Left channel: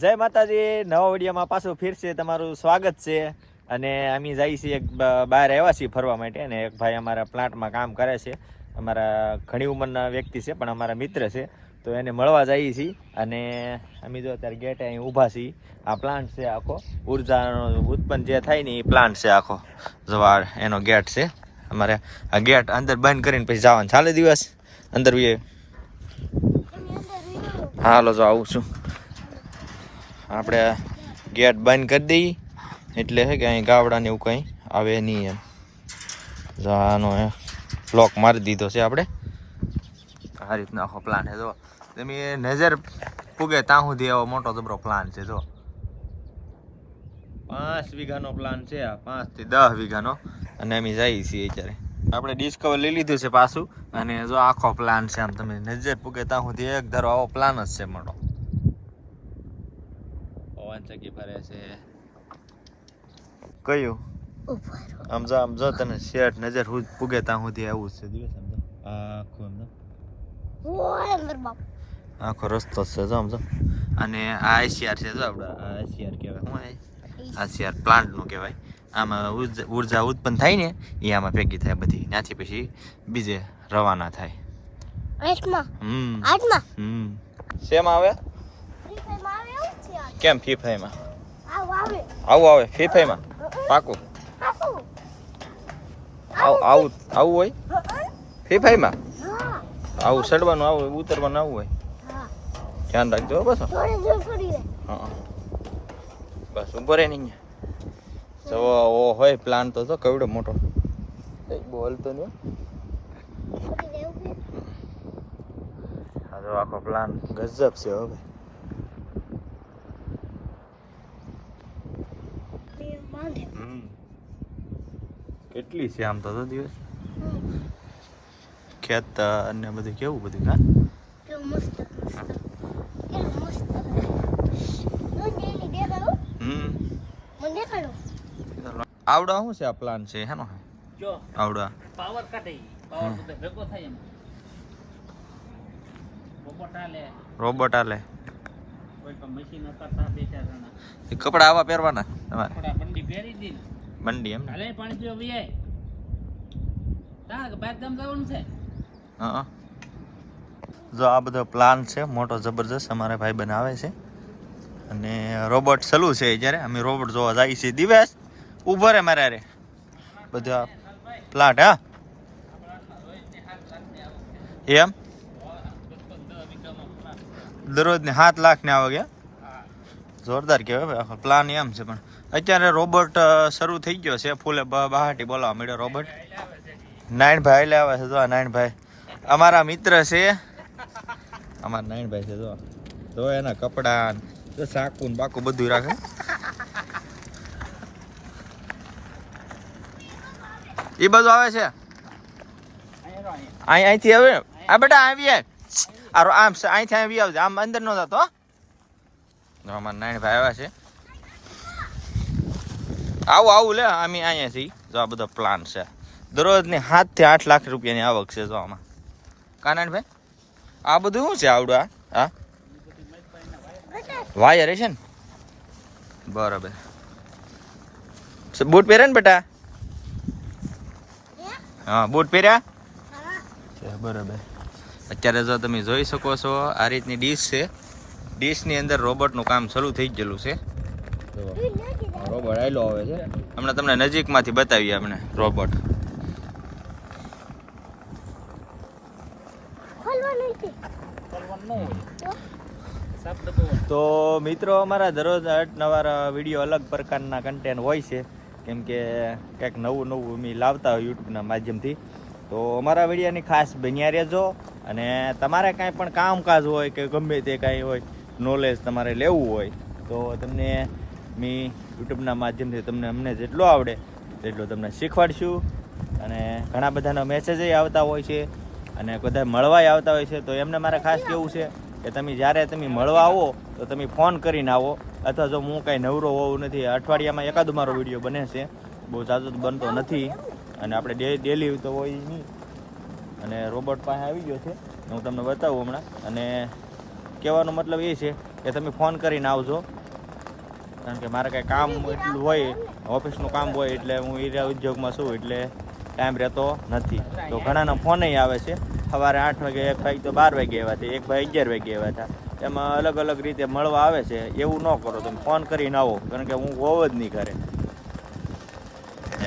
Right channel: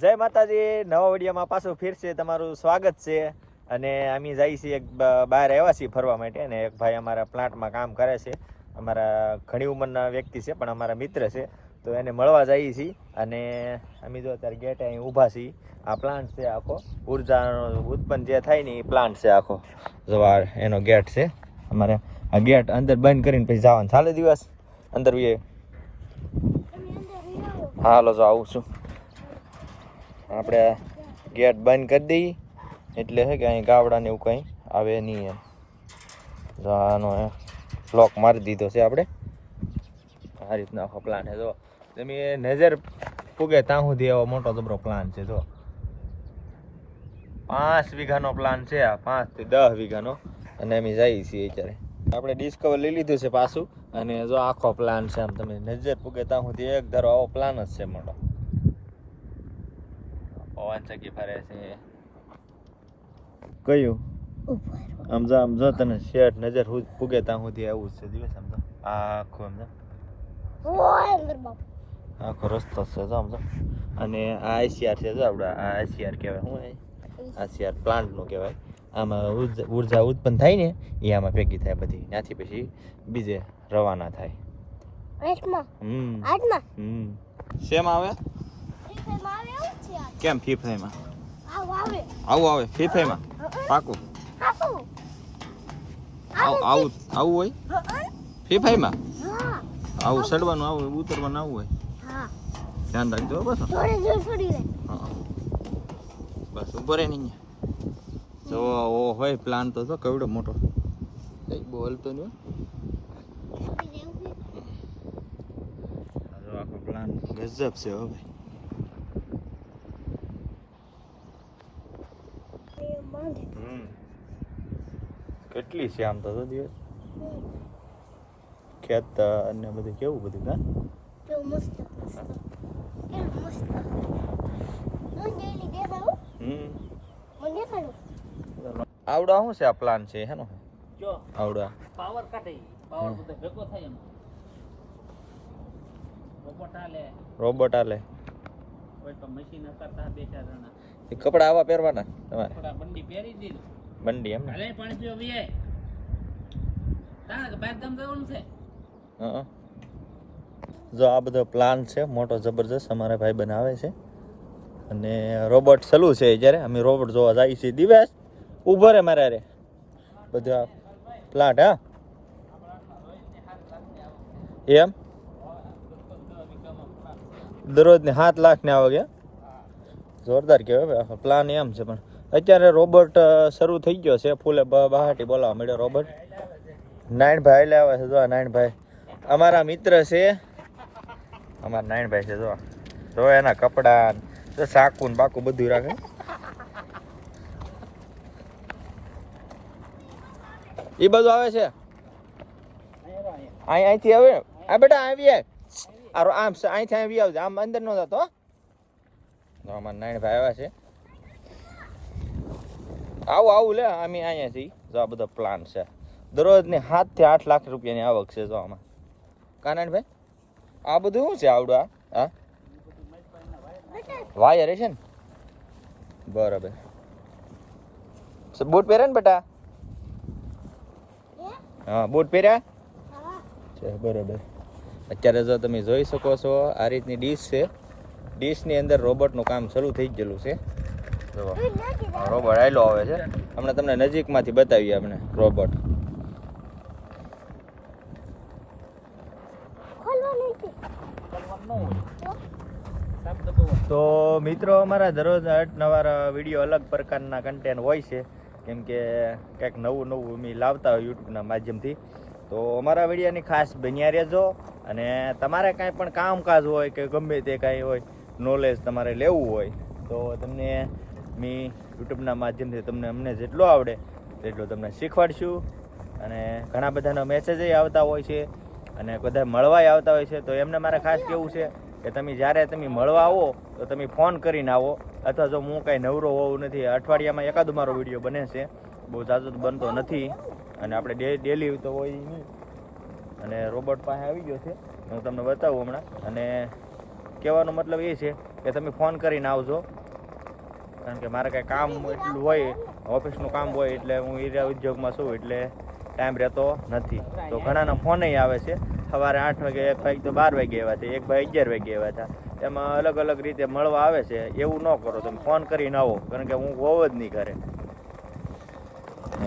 જય માતાજી, નવા વિડીયોમાં પાછું ફિરશે તમારું સ્વાગત છે. અને અમે જઈએ છીએ એક બહાર આવ્યા છીએ ફરવા માટે અને એક ભાઈ અમારા પ્લાન્ટમાં કામ કરે છે. અમારા ઘણી ઉંમરના વ્યક્તિ છે, પણ અમારા મિત્ર છે. તો એને મળવા જઈએ છીએ અને અમે જો અત્યારે ગેટે અહીં ઊભા છીએ. આ પ્લાન્ટ છે આખો. ઉર્જાનો ઉત્પન્ન જે થાય ને એ પ્લાન્ટ છે આખો. જવા એનો ગેટ છે. અમારે આ ગેટ અંદર બંધ કરીને પછી જવાનું. ચાલે દિવસ? અંદર હાલો, જો આવું છું. આપણે ગેટ બંધ કરી દઈએ. એટલે છે કે અહીં ગાવડાને એવું કંઈ આવે નહીં એમ. આનો લોક મારી દીધો છે આપણે. આ રીતનો આખો પ્લાન છે, જો. તમે નજર પૂગે ત્યાં સુધી એવો મોટો જબરો પ્લાન છે, જો. પાંચ વીઘાનો પ્લાન છે આ પાંચથી દસ વીઘાનો. અને અમે જઈએ છીએ અત્યારે. આપણે ડિસ્કવર લઈ લીધું છે પાછું. અને જો આખો પ્લાન છે, આમ તમે નજર પૂગે ત્યાં સુધી એક ધારો આવો પ્લાન જ છે મોટો પવન ચકી ફરે છે. કયું? સમજો જો આમ જો તને શેઠ નજર હું પૂગે ત્યાં સુધી આવું છે. દિવસ આમ જો. આખું આખો રસ્તો જ છે જો સમજો અને આ આઈસીઆર છે જો આપણે આ આઈસીઆર કહેવાય. શું આઈસીઆર. પ્લાન્ટનું કહેવાય. આમાં ઊર્જા ઊર્જા ઉત્પન્ન થાય ને એ આમાં ભેગી થાય બધી. ત્યાંથી પછી બીજે રવાના થાય. હમ. હમ. શેમ આવે? કેમ ફીફાઈમાં આવું આવે. ફીફાઈમાં પાકું? આવું આવું. આવું હોય? ફીફાઈમાં આવું ચડવાનું આવું હોય, ઉતરવાનું આવું હોય? ધ્યાન રાખજો બસ હા બસ ઊભો રહે નહીં જો ઓ હોય પ્લાન તો જો કેવડો મોટો. એ બોલતો નહીં આખો પ્લાન ગજબ છે હો ભાઈ. હમ. કેટલી છે આમ તો તો દિવસ? ખેત અને બધું કેવું બધું હા? હમ. આવડા શું છે આ પ્લાન છે હેનો? જો આવડા. પાવર કટે પાવર ભેગો થાય એમ. રોબોટ આલે રોબોટ આલે એ કપડા આવા પહેરવાના તમારે? બંડી પહેરી દીધી. બંડી એમ અરે પણ જો પીવા તાક બાર ગામ જવાનું છે? હા જો આ બધો પ્લાન છે મોટો જબરજસ્ત અમારા ભાઈ બનાવે છે. અને રોબોટ સલુ છે જ્યારે. અમે રોબોટ જોવા જઈએ છીએ દિવસ. ઊભો રે મારે રે બધા પ્લાટ હા. એમ? દરરોજ ને સાત લાખની આવક એ જોરદાર કહેવાય ભાઈ પ્લાન એમ છે પણ અત્યારે રોબોટ શરૂ થઈ ગયો છે. ફૂલે બહાટી બોલાવવા મળ્યો રોબોટ નારાયણભાઈ લે આવે છે જો નાયણભાઈ. અમારા મિત્ર છે. અમારા નારાયણભાઈ છે જો. જો એના કપડા સાકુ ને બાકુ બધું રાખે. એ બધું આવે છે? અહીં અહીંથી આવે? આ બેટા આવીએ. આ રો- આમ છે અહીંથી આવી આવજે. આમ અંદર નો જતો અમારા જો ભાઈ આવ્યા છે. આવું આવું લે અમે અહીંયા છીએ. જો આ બધો પ્લાન છે. દરરોજ ને સાતથી આઠ લાખ રૂપિયાની આવક છે જો આમાં. કાનાણભાઈ આ બધું શું છે આવડું આ? હા? વાયર છે ને? બરાબર. બૂટ પહેરે ને બેટા? હા? બૂટ પહેર્યા? છે બરાબર. અત્યારે જો તમે જોઈ શકો છો, આ રીતની ડીશ છે. ડીશની અંદર રોબોટનું કામ શરૂ થઈ ગયેલું છે. જુઓ. રોબોટ આયલો આવે છે. હમણાં તમને નજીકમાંથી બતાવીએ આપણે રોબોટ તો મિત્રો, અમારા દરરોજ નવાર વીડિયો અલગ પ્રકારના કન્ટેન્ટ હોય છે. કેમ કે કંઈક નવું નવું અમે લાવતા હોય યુટ્યુબના માધ્યમથી. તો અમારા વિડીયાની ખાસ બન્યા રહેજો અને તમારે કાંઈ પણ કામકાજ હોય કે ગમે તે કાંઈ હોય નોલેજ તમારે લેવું હોય, તો તમને મેં યુટ્યુબના માધ્યમથી તમને અમને જેટલો આવડે તેટલો તમને શીખવાડશું. અને ઘણા બધાના મેસેજ આવતા હોય છે અને બધા મળવાય આવતા હોય છે, તો એમને મારે ખાસ કેવું છે કે તમે જ્યારે તમે મળવા આવો, તો તમે ફોન કરીને આવો. અથવા જો હું કાંઈ નવરો હોવું નથી, અઠવાડિયામાં એકાદ મારો વીડિયો બને છે. બહુ ઝાઝો બનતો નથી. અને આપણે ડે ડેલી તો હોય નહીં. અને રોબોટ પાસે આવી ગયો છે. હું તમને બતાવું હમણાં. અને કહેવાનો મતલબ એ છે કે તમે ફોન કરીને આવજો. કારણ કે મારે કાંઈ કામ એટલું હોય, ઓફિસનું કામ હોય, એટલે હું એ ઉદ્યોગમાં છું, એટલે ટાઈમ રહેતો નથી. તો ઘણાના ફોન આવે છે. સવારે આઠ વાગે, એક ભાઈ તો બાર વાગે આવ્યા હતા એક ભાઈ અગિયાર વાગે આવ્યા હતા. એમાં અલગ અલગ રીતે મળવા આવે છે. એવું ન કરો, તમે ફોન કરીને આવો. કારણ કે હું હોવ જ નહીં ઘરે.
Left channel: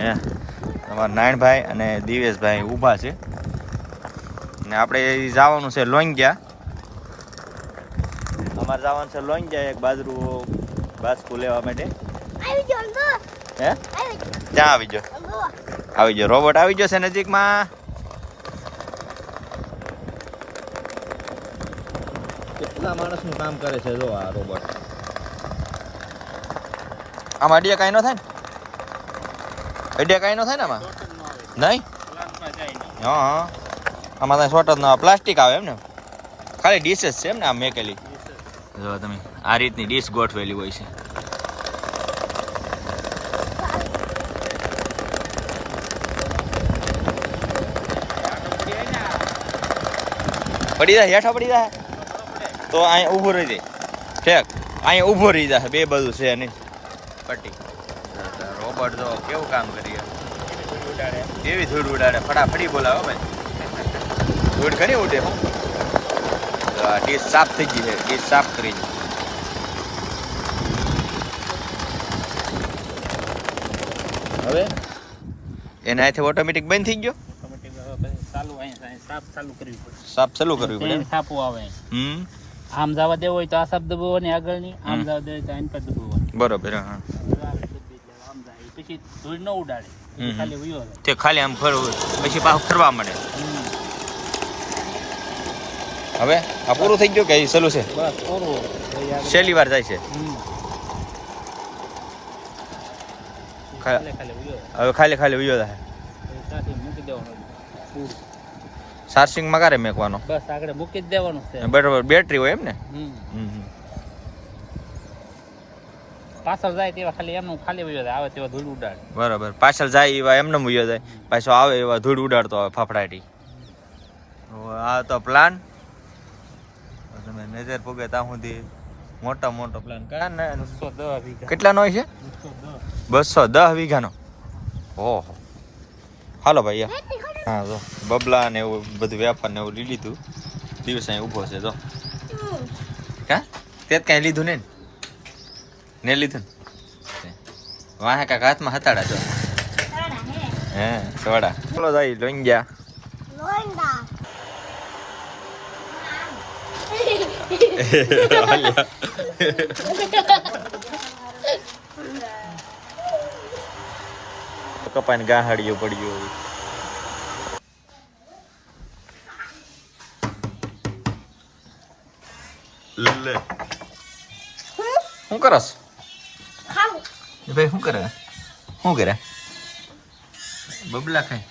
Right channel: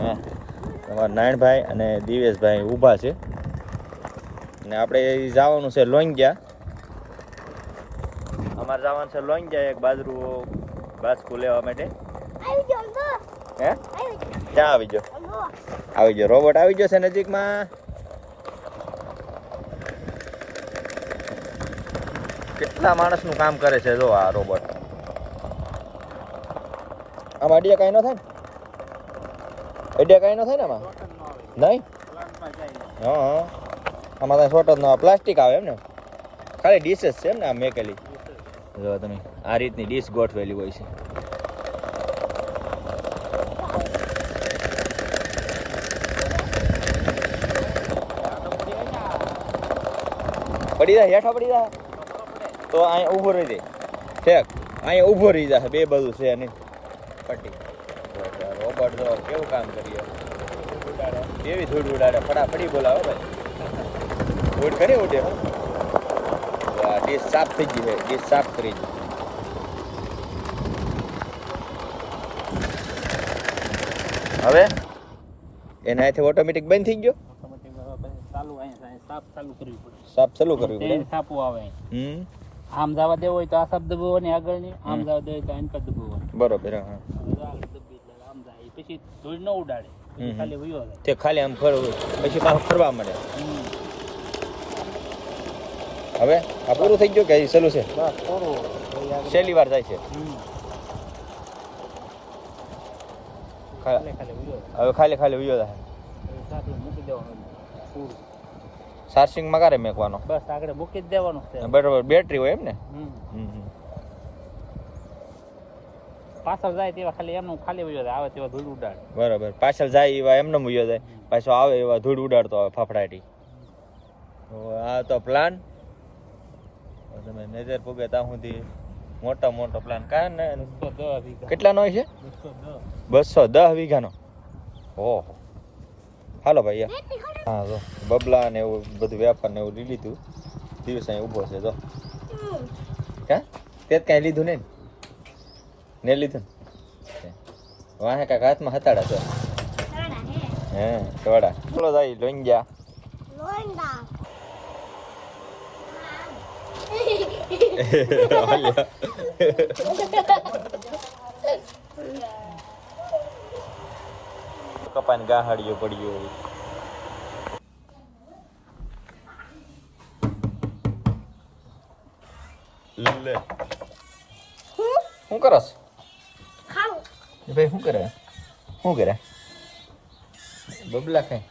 હે. તમારા નારાયણભાઈ અને દિવેશભાઈ ઊભા છે. ને આપણે જવાનું છે લોંગ્યા. અમારે જવાનું છે લોંગ્યા એક બાજુ બાજકું લેવા માટે. આવી હે? આવી જાઓ આવી જો આવી ગયો. રોબોટ આવી જશે છે નજીકમાં. કેટલા માણસનું કામ કરે છે જો આ રોબોટ. આમાં અડિયા કાંઈ ન થાય ને? અડિયા કાંઈ ન થાય ને આમાં? નહીં? હા આમાં ત્યાં શોર્ટ જ ના પ્લાસ્ટિક આવે એમ ને? ખાલી ડીશ જ છે એમ ને આમ મેકેલી. જો તમે, આ રીતની ડીશ ગોઠવેલી હોય છે. પડી જાય, હેઠા પડી જાય? તો અહીંયા ઊભો રહી જાય. ઠેક અહીંયા ઊભો રહી જાય. બે બધું છે નહીં. પટ્ટી. જો કેવું કામ કરીએ? કેવી ધૂળ ઉડાડે? ફટાફટી બોલાવો ભાઈ. ધૂળ ઘણી ઉડે હું. ડીશ સાફ થઈ ગઈ છે. ડીશ સાફ કરી છે હવે? એના હાથે ઓટોમેટિક બંધ થઈ ગયો? સાફ ચાલુ કરવી પડે. સાફ સાપો આવે હમ. આમ જવા દેવો હોય તો આ શબ્દ દબાવવાની આગળની. આમ. જવા દેવો હોય તો આની પર દબાવવાની. બરોબર હા. પછી ધૂળ ન ઉડાડે. ખાલી વયો તે ખાલી આમ ફરવું પછી પાછું ફરવા મળે હવે આ પૂરું થઈ ગયું કે ચાલુ છે. છેલ્લી વાર જાય છે. હમ. ખાલી ખાલી વયો જાય. હવે ખાલી ખાલી ઉયો થાય ચાર્જિંગમાં ક્યારે મેકવાનો? બસ આગળ મૂકી જ દેવાનું છે. બરાબર બેટરી હોય એમ ને. હમ, હમ. પાછળ જાય તેવા ખાલી એમનું ખાલી વયો જાય આવે તેવા ધૂળ ઉડાડે. બરાબર. પાછળ જાય એવા એમને વયો જાય. પાછો આવે એવા ધૂળ ઉડાડતો આવે ફફડાટી. આ તો પ્લાન તમે નજર પૂગે ત્યાં સુધી મોટો મોટો પ્લાન કયા ને? કેટલાનો છે? બસો દસ. વીઘાનો. ઓહો. હાલો ભાઈ. હા જો. બબલા ને એવું બધું વેપાર ને એવું લીધું. દિવસ અહીં ઊભો છે જો. કા? તે જ કાંઈ લીધું નહીં ને? લીધું વાહે કાક હાથમાં હતાડા છો? હે. સવાડા. સોડા બોલો જાય લોંગ્યા. કપાઈને ગાહાડીઓ પડ્યો લે. શું કરસ? એ ભાઈ શું કરે? શું કરે? બબલા ખાય.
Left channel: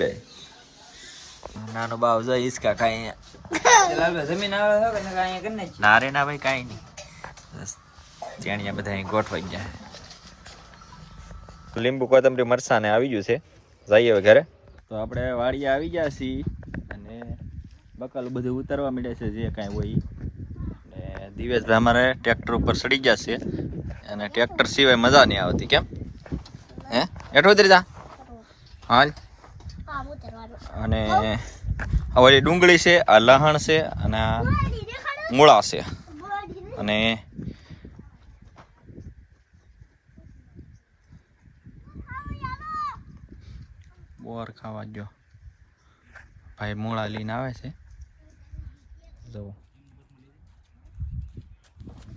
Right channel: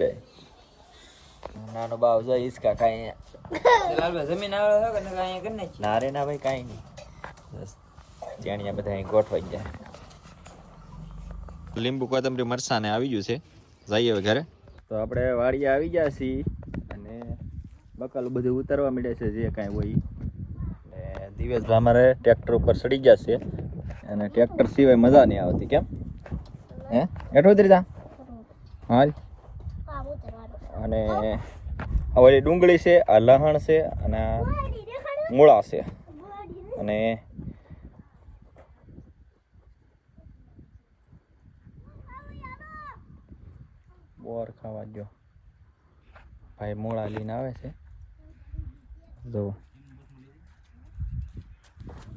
બે? નાનો બાવ જાય ઈસકા ખાય અહીંયા. જમીન આવે છે કે અહીંયા કરી નાખી? ના રે ના ભાઈ કાંઈ નહીં. બસ ચાણિયા બધા અહીં ગોઠવાઈ ગયા. લીંબુ કોથમરી મરસાને આવી ગયું છે. જઈએ ઘરે. તો આપણે વાડીએ આવી ગયા છીએ અને બકલ બધું ઉતારવા મળે છે જે કાંઈ હોય દિવેશભાઈ અમારે ટ્રેક્ટર ઉપર સડી ગયા છે અને ટ્રેક્ટર સિવાય મજા નહીં આવતી, કેમ? હે? એટલું ઉતરી જા. હાલ. અને હવે ડુંગળી છે, આ લહણ છે, અને આ મૂળા છે. અને બોર ખાવા જો ભાઈ મૂળા લઈને આવે છે. જો.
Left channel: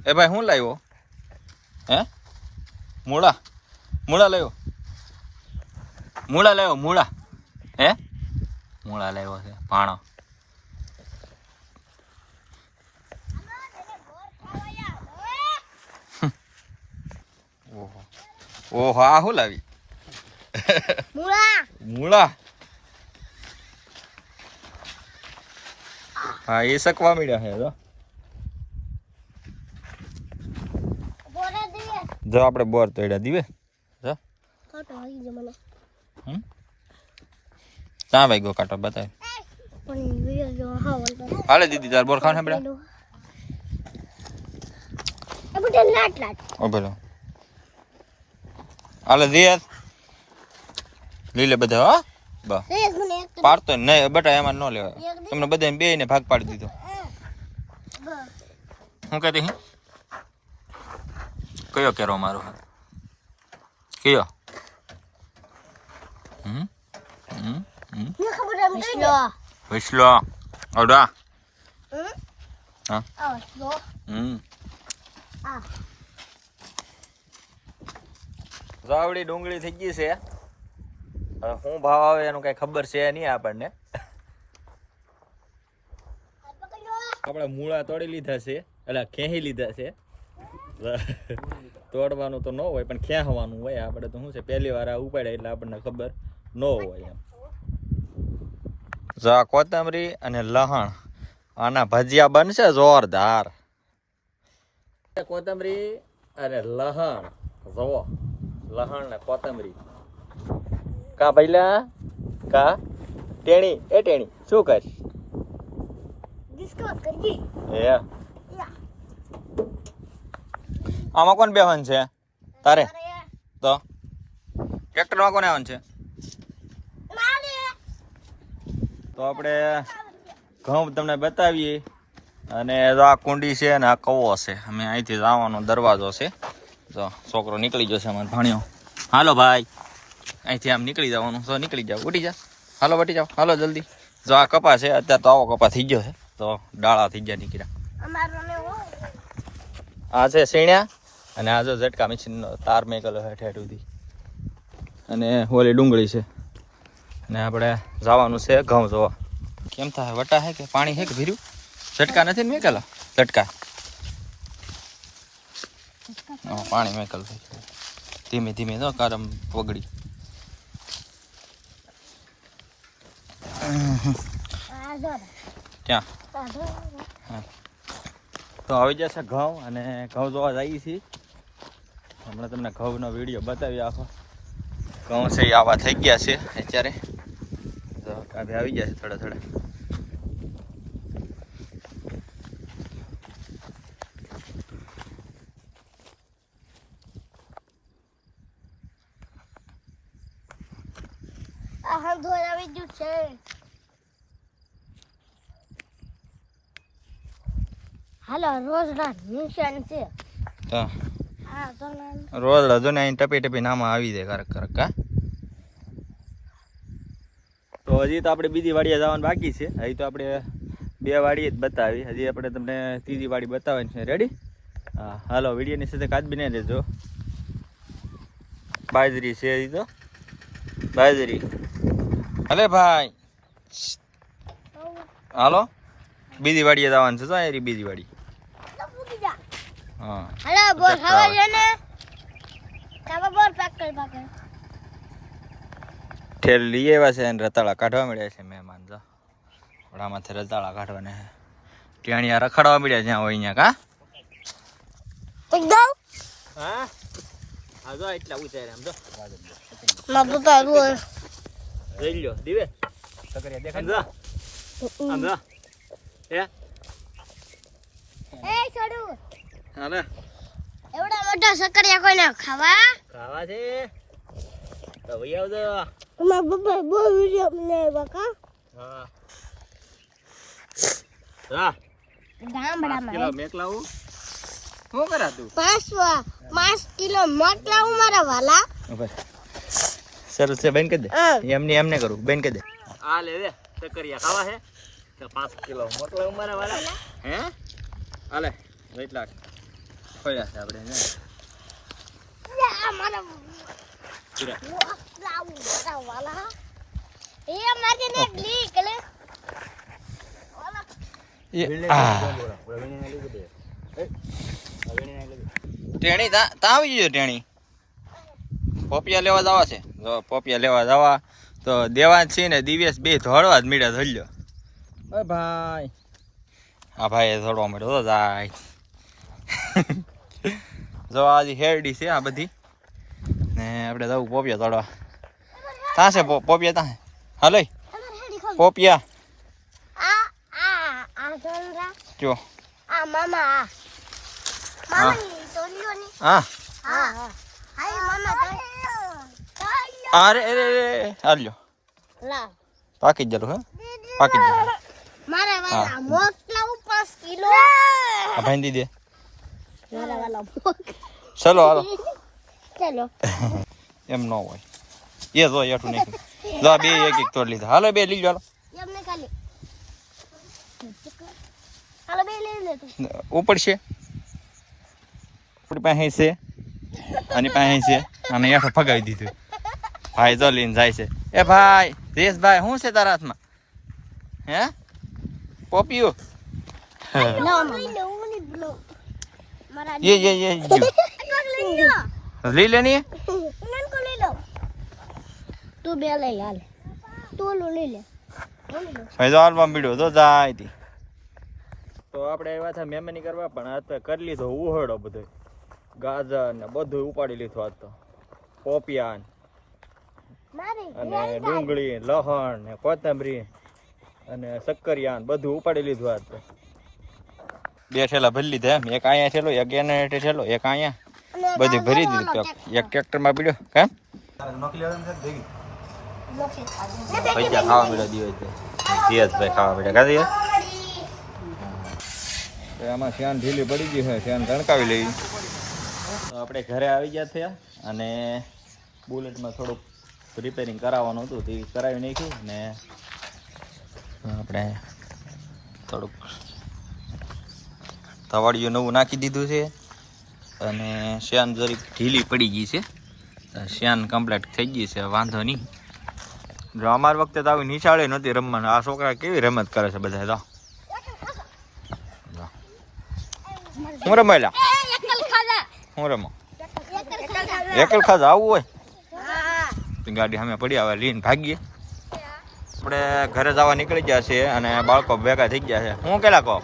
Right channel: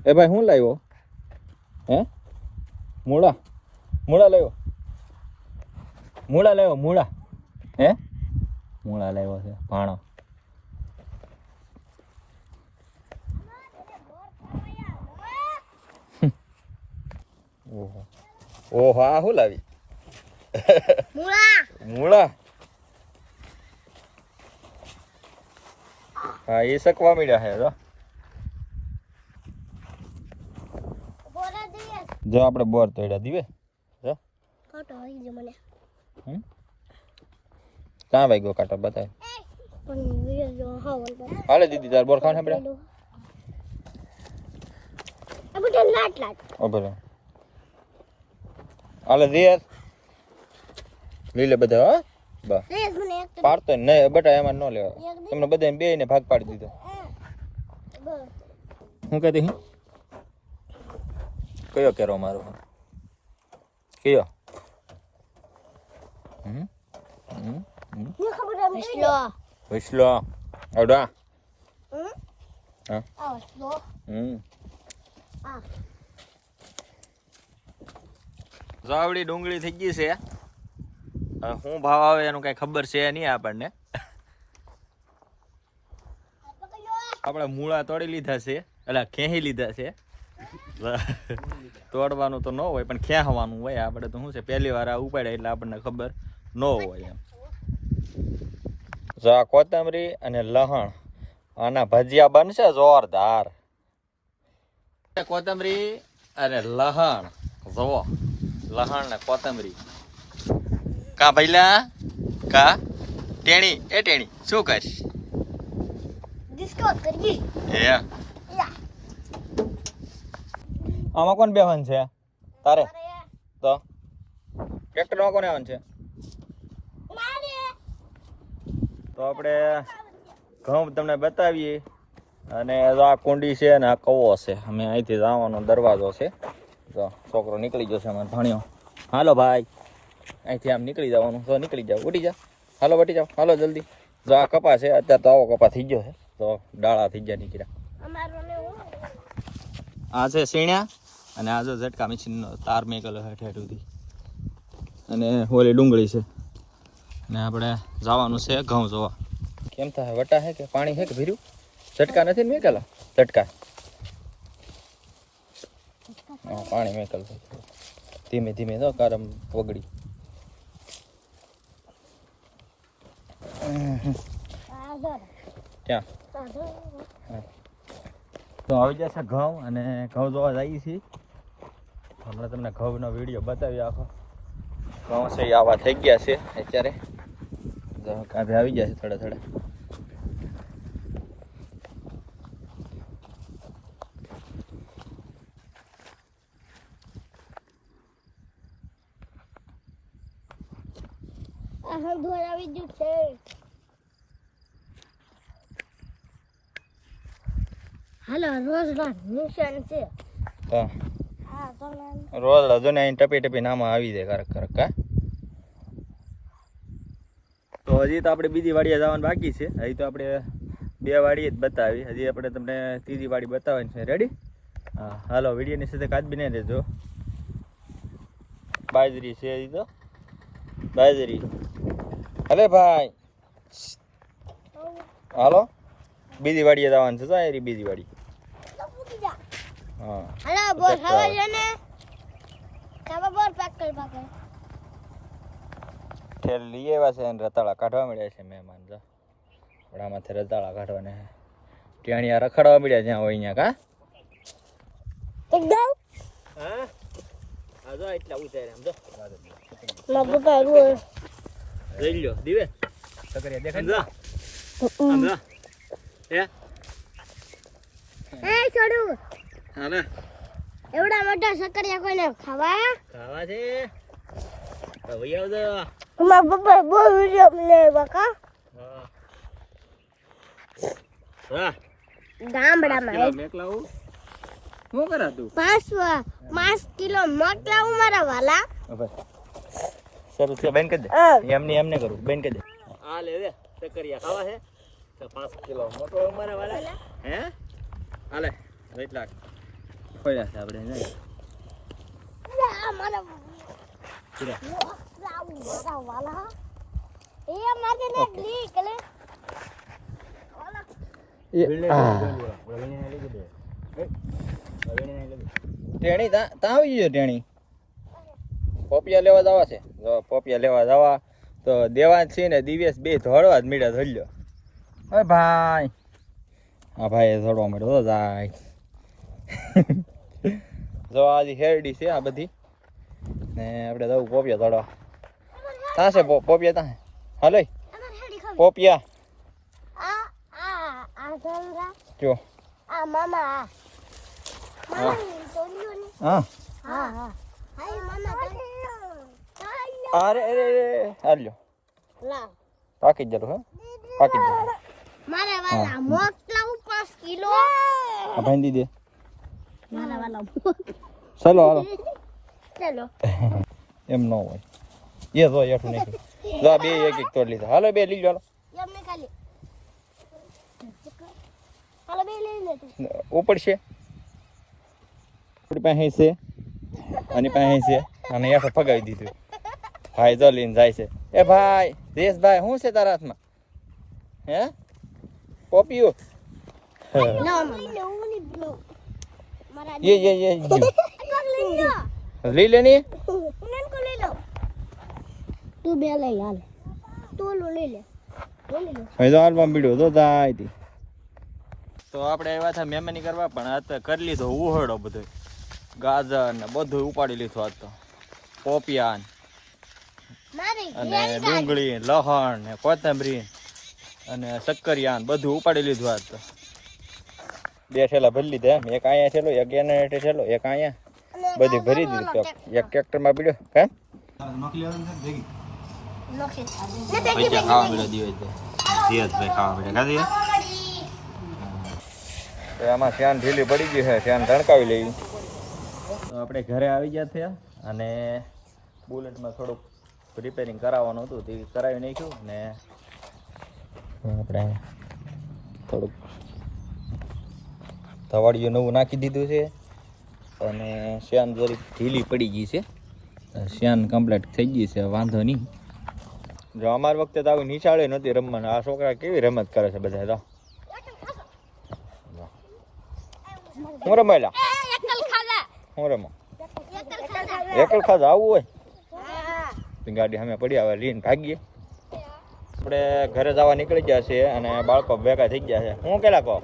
એ ભાઈ શું લાવ્યો? હે? મૂળા. મૂળા લાવ્યો. મૂળા લાવ્યો મૂળા. હે? મૂળા લાવ્યો છે ભાણો. ઓહો. ઓહો આ શું લાવી? મુળા. મૂળા. હા એ શકવા મીડ્યા છે જો આપણે બોર તોડ્યા દીવે. જો. કાટો આવી ગયો મને. હમ? ક્યાં વાગ્યો કાંટો બતાય? હાલે દીદી તાર બોર લાટ લાટ. ઓ ભલો. હાલે દિયર લીલે બધા હો. બા. રેસ મને એક પાડતો નહીં બટા એમાં ન લેવાય. તમને બધાને બે ને ભાગ પાડી દીધો. બસ હું કહેતી કયો કેરો મારો કયો? હમ? હમ? હમ? ઓડા હા. હમ. જાવડી ડુંગળી થઈ ગઈ છે. હવે શું ભાવ આવે એનું કઈ ખબર છે નહીં આપણને. આપણે મૂળા તોડી લીધા છે. એટલે ખેહી લીધા છે. તોડવાનું તો ન હોય પણ ખેંચવાનું હોય. આપણે તો શું છે પહેલી વાર આ ઉપાડે એટલે આપણને ખબર ન હોય એમ. જો આ કોથમરી અને લહણ આના ભજીયા બનશે જોરદાર. કોથમરી અને લહણ જુઓ લહણ ને કોથમરી. કા ભૈલા કા? ટેણી? એ ટેણી શું કરીશ? ડિસ્કાઉન્ટ યા આમાં કોણ બેહન છે? તારે? તો? ટ્રેક્ટરમાં કોને આવવાનું છે? તો આપણે ઘઉં તમને બતાવીએ. અને જો આ કુંડી છે અને આ કવો છે. અમે અહીંથી જવાનો દરવાજો છે. જો છોકરો નીકળી જશે અમારે ભણ્યો. હાલો ભાઈ. અહીંથી આમ નીકળી જવાનું. તો નીકળી જાવ ઉઠી જા. હાલો વટી જાઓ. હાલો જલ્દી. જો આ કપા છે અત્યારે તો આવો કપા થઈ ગયો છે. તો ડાળા થઈ ગયા નીકળ્યા. હા આ છે સીણ્યા અને આ જો ઝટકા મશીનનો તાર મેકલો હેઠ હેઠુંથી અને હોલી ડુંગળી છે. ને આપણે જવાનું છે ઘઉં જોવા. કેમ થાય? વટા હે કે પાણી હે કે ભીર્યું? ઝટકા નથી ને મેકેલા? ઝટકા. પાણી મેકલ ધીમે ધીમે તો કારમ પગડી. ત્યાં ક્યાં તો આવી જશે ઘઉં અને ઘઉં જોવા જઈએ છીએ. હમણાં તમને ઘઉંનો વીડિયો બતાવી આખો ઘઉં છે આવા થઈ ગયા છે અત્યારે. કાંધે આવી ગયા છે થોડા થોડા. આવી ગયું છે. હાલો રોજ ના નિશાન છે. તો હા. રોજ રજો ને અહીં ટપી ટપી નામાં આવી જાય કરક કરક તો હજી તો આપણે બીજી વાડીએ જવાનું બાકી છે. હજી તો આપણે બે વાડીએ જ બતાવી. હજી આપણે તમને ત્રીજી વાડી બતાવવાની છે. રેડી હા, હાલો, વિડીયોની સાથે કાચ બને રહેજો. બાજરી છે હજી તો. બાજરી. હલે ભાઈ. હાલો. બીજી વાડીએ જવાનું છે તો બીજી વાડી. હા. હાલો બોલ હવા આવે. છે ને કાબા બોલ પેક કરી પાકે ઠેર લઈ આવ્યા છે અને રતાળા કાઢવા મળ્યા છે મહેમાન જો. ઘોડામાંથી રતાળા કાઢવાને ટેણિયા રખડવા મળ્યા જ્યાં હોય અહીંયા કા? એકદમ. હા? આ જો એટલા ઉતારે આમ જો. ના પપ્પા રોજ લઈ લ્યો દીવે. સમજા સમજા હે? એ છોડુ. હા એવડા મોટા સકરિયા કોઈને ખાવા? ખાવા છે. તો ભઈ આવજો. મારા પપ્પા બહુ વિડિયો મને બકા હા. હા. ગામડામાં કિલો મેક લાવું શું કરા તું? પાંચ પાંચ કિલો મોકલાવું મારા વાલા. સરસ છે બેન કહી દે. એમને એમને કરું. બેન કહી દે. આ લે દે સકરિયા ખાવા છે. તો પાંચ કિલો મોકલાવ મારા વાલા? હે? હાલે એટલા છે આપણે ક્લિક લે ટેણી તા તા આવી ગયો ટેણી. પોપિયા લેવા જવા છે. જો પોપિયા લેવા જવા તો દેવાન છે ને દિવ્યેશ બે ધોળવા જ મીડા ધોલ્યો એ ભાઈ. હા ભાઈ ધોડવા મળ્યો જાય. જો આજે હેરડી છે આ બધી. ને આપણે જવું પોપિયા ધોડવા ત્યાં છે પોપિયા ત્યાં હાલો પોપિયા. જો. આ હા. અરે અરે અરે હાલ્યો પાકી જ જરું હે? પાકી જ મારા મોકલાવું પાંચ કિલો. ભાઈ દીધી ચલો હાલો. ચલો. એમ ન હોય. એ જો એઠું નાખ્યું. જો બે એક એક તોડ લીધા. હાલો બે લીજો હાલો. ઉપડશે પાસે છે. અને પાસે છે. અને હેઠો ફગાવી દીધું. ભાઈ જો લઈને જાય છે. એ ભાઈ રેશભાઈ શું છે તારા હાથમાં? હે? પોપિયું લો મામા હું ની બ્લો મારા ये ये ये जो લઈ લો લઈ લેની ઉનન કો લઈ લો તું બે લઈ હાલ તું ઓલું લઈ લે હું લઈ લો હવે તો આલવા મળ્યો તો જાય તી તો આપણે આવ્યા હતા મહેમાની કરવા પણ આ તો કરી લીધો ઉહડો બધો ગાજર ને બધું ઉપાડી લીધું આજ તો પોપિયા ને મારી અને ડુંગળી લહણ ને કોથમરી અને શક્કરિયા ને બધું ઉપાડી લીધું આજ તો બે ઠેલા ભરી લીધા. એમ એક અહીંયા ઠેલો એક એને હેઠે ઠેલો એક અહીંયા. બધું ભરી દીધું. એક ટ્રેક્ટરમાં પીડ્યો. કેમ? આમાં શ્યાન ઢીલી પડી ગઈ છે. શ્યાન તણકાવી લઈ. આપણે ઘરે આવી ગયા છે અને બુલેટમાં થોડુંક રિપેરિંગ કરાવવાનું હતું. તે કરાવી નાખ્યું અને આપણે થોડુંક તવાડિયું નવું નાખી દીધું છે. અને શ્યાન જરીક ઢીલી પડી ગઈ છે. શ્યાન કમ્પ્લીટ થઈ ગઈ છે વાંધો નહીં. જો અમાર વખતે તો આવી નિશાળે નહોતી રમવાનું. આ છોકરા કેવી રમત કરે છે બધા તો? હું રમેલા હું રમો? એકલ ખાસ આવવું હોય? ગાડી અમે પડી આવે લઈને ભાગીએ. આપણે ઘરે જવા નીકળી ગયા છે અને બાળકો ભેગા થઈ ગયા છે. હું કેલા કહો?